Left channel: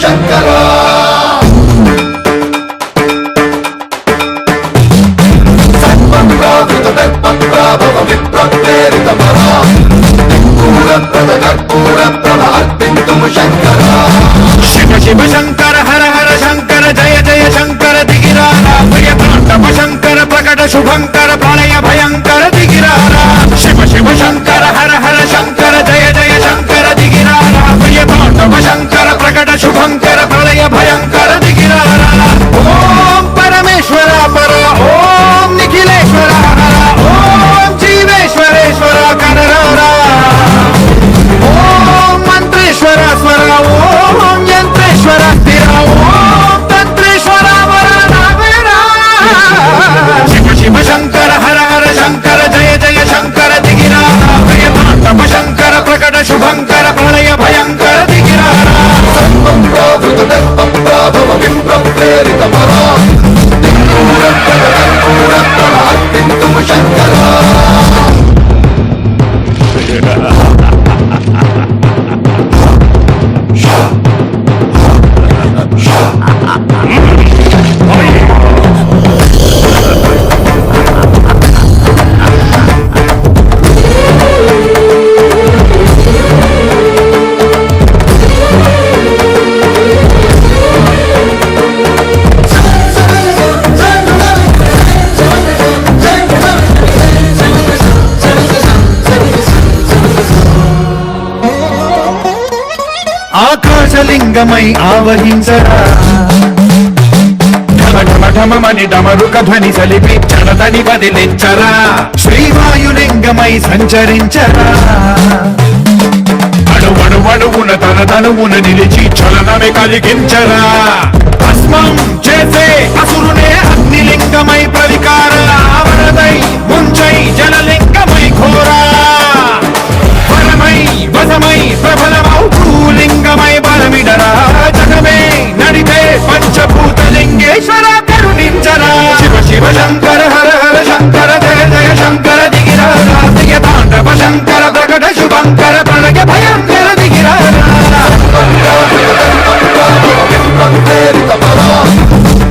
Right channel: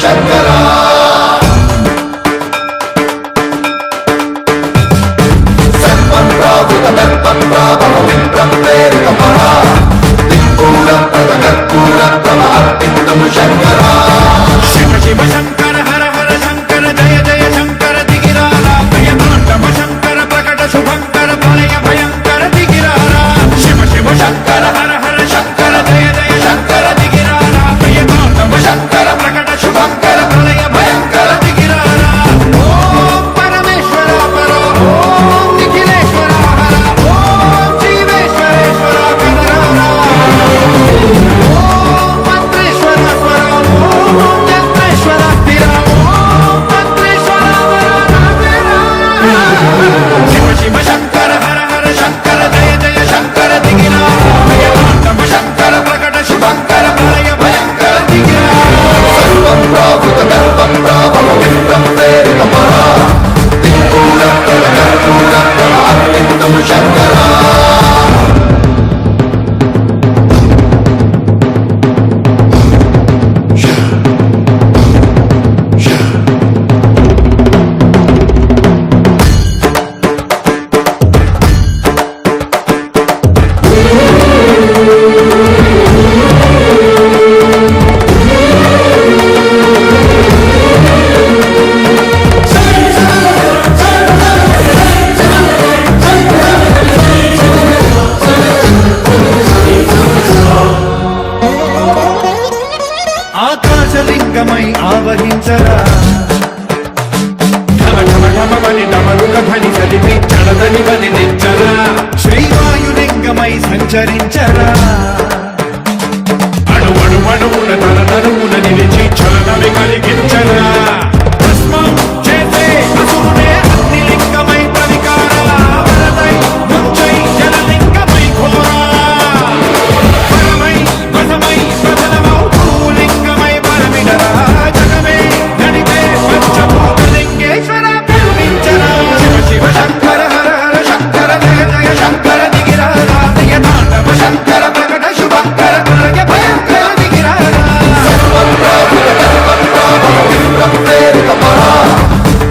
శంకరా సన్మంత్రావృత దర్పత్రాభవ విప్రప్రేరిత పరా దిక్పూర ప్రద కర్పూర ప్రభ అర్పింతుము శంకరా శివ శివ శంకర హర హర శంకర జయ జయ శంకర దిగిరారా ప్రియ తాండవ శంకర ప్రకట శుభంకర ప్రళయ భయంకర దిగిరారా శివ శివ శంకర హర హర శంకర జయ జయ శంకర దిగిరారా ప్రియ తాండవ శంకర ప్రకట శుభంకర ప్రళయ భయంకర దిగిరారా ఓం పరమేశ్వర పర ఓం నిఖిలేశ్వర హర ఓం జీవేశ్వరేశ్వర కరరారా ఓం మంత్రేశ్వర స్వర ఓం యంత్రేశ్వర స్థిర ఓం తంత్రేశ్వర వర నావేరా శివ శివ శంకర హర హర శంకర జయ జయ శంకర దిగిరారా భయ తాండవ శంకర ప్రకట శుభంకర ప్రళయ భయంకర దిగిరారా సన్మంత్రావృత దర్పత్రాభవ విప్రప్రేరిత పరా దిక్పూర ప్రద కర్పూర ప్రభ అర్పింతుము శంకరా ఆకాశలింగమై ఆవహించరా ఢమ ఢమ ఢమమని డమరుక ధ్వని సలిపి చడదని వదిలించరా శ్రీవాయులింగమై సంచరించరా అణువణువున తన తనువున నిలిచి చలనమే కలిగించరా భస్మం చేసే అసురునే అగ్నిలింగమై ప్రవికార వరదై ముంచై జలలింగమై ఘోరా పరమై వసమై ప్రబలమౌ భూలింగమై బలమిడరా జగమే నడిపే పంచభూతలింగేశ్వర కరుణించరా శివ శివ శంకర హర హర శంకర జయ జయ శంకర దిగిరారా ప్రియ తాండవ శంకర ప్రకట శుభంకర ప్రళయ భయంకర దిగిరారా విప్రప్రేరిత పరా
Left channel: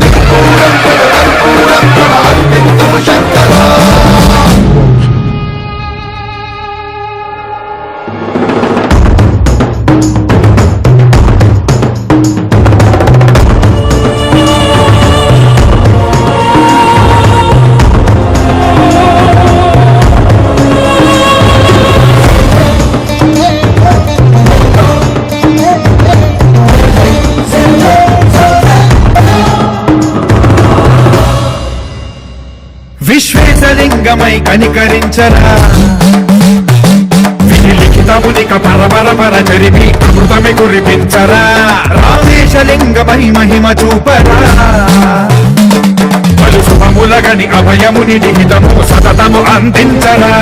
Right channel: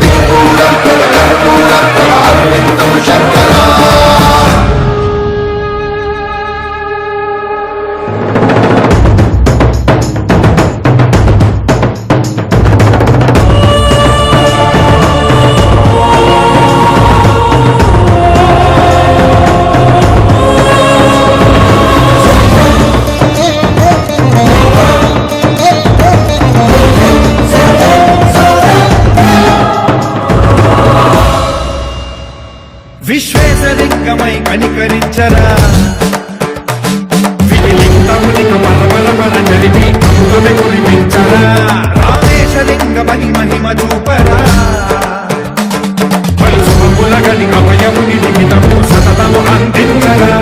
దిక్పూర ప్రద కర్పూర ప్రభ అర్పింతుము శంకరా విశ్వేశలింగమై కనికరించరా విధి లిఖితమునిక పరపర పర చరిపి అమృతమే కురిపించరా రామేశలింగమై మహిమ చూపరా పలు శుభములగని అభయముని లిఖితము సతతము అందించరా